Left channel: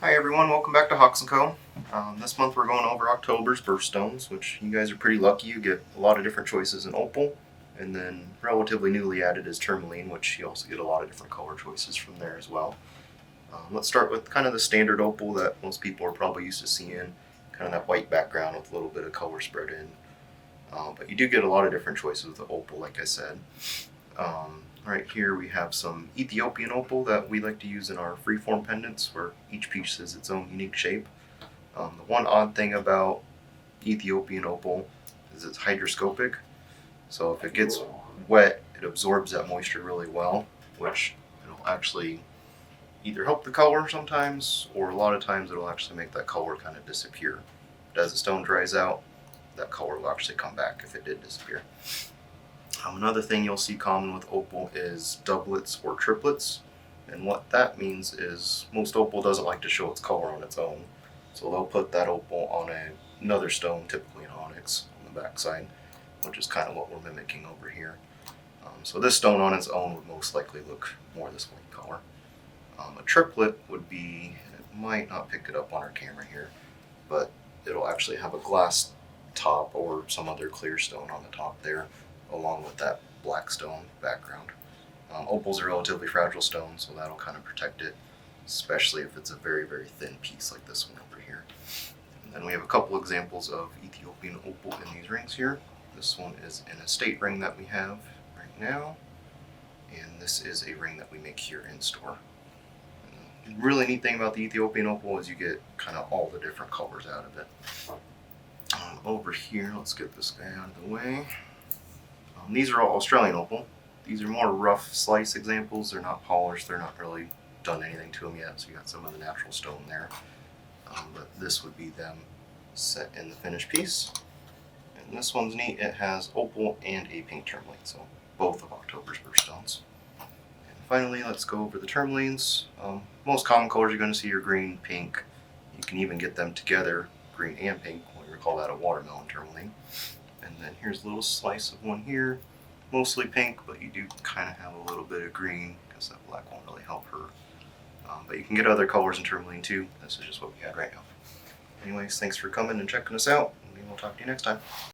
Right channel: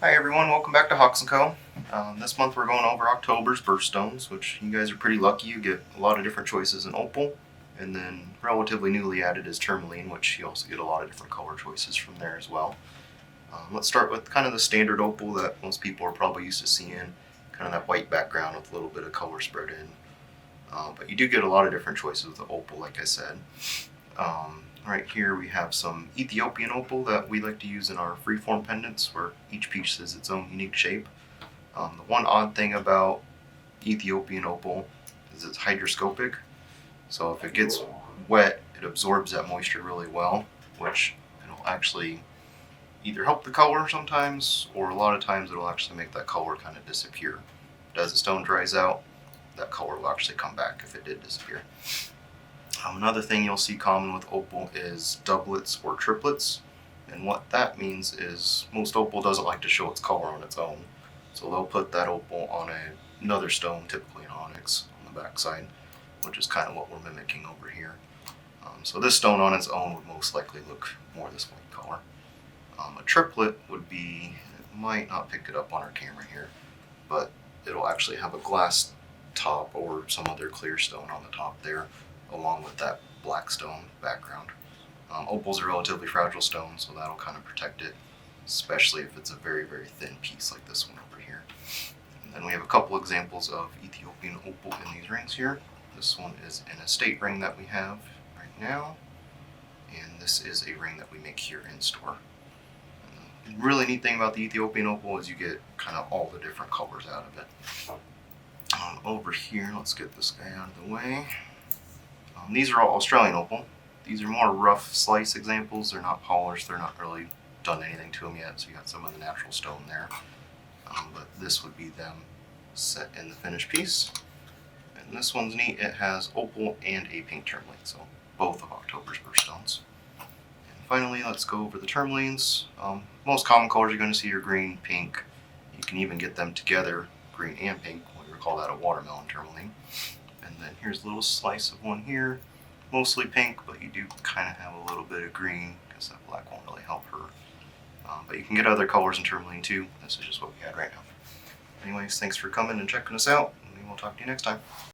Hi everyone, welcome back to Hawks & Co. This month we're going over October's Birthstones, which you guys are pretty lucky. You get a lot of different choices in Opal, and then relatively newly added is Tourmaline, which you also get a lot of different color choices from there as well. Let's start with kind of the standard Opal that most people are probably used to seeing, kind of that white background with a little bit of color spread in. But you do get a lot of different choices with the Opal, like I said. Right here we have some Ethiopian opal that we like to use in our freeform pendants, where each piece is its own unique shape. The one odd thing about Ethiopian opal is it's hygroscopic, so if it gets wet, it absorbs that moisture really well, which will actually either help the color sometimes, or a lot of times it'll actually make that color kind of disappear. But as the stone dries out, that color will actually come back if it did disappear. Another thing you'll see common with opal is doublets or triplets, and what that means is most opal doesn't like to show its color on its own, so they'll put that opal on another stone, typically an onyx, on the backside, which is kind of what we're mimicking over here. So this stone on its own would most likely look more this white color. A triplet would be, it might not pick it up on our camera here, but it'll actually have a glass top or some other clear stone on the top there, along with that black stone background. Opal's a relatively fragile stone, so that'll kind of protect it, especially if it's a very, very thin piece like this one over here. And then we have a couple examples of Ethiopian opal in these rings here. This one is an estate ring that we have right now, and this is a ring that we make here in store. And the really neat thing about the Ethiopian opal is you get kind of all the different colors out of it. Over here, let's get this guy out of the way. These are all Australian opal. These are more rough slice examples. They're not polished. They're not really done anything to them yet, so you got some of the natural stone there. But this would be them set in the finished piece. And this one's neat. It has opal and a pink tourmaline, so both of October's Birthstones. And finally, let's go over the tourmalines. Most common colors you're going to see are green, pink. You can even get them together, green and pink. We call that a watermelon tourmaline. And then here's a little slice of one here, mostly pink, but you do kind of have a little bit of green because that black won't really help her. But you can get other colors in tourmaline too. This is just what we got right now. Anyways, thanks for coming and checking us out, and we'll talk to you next time.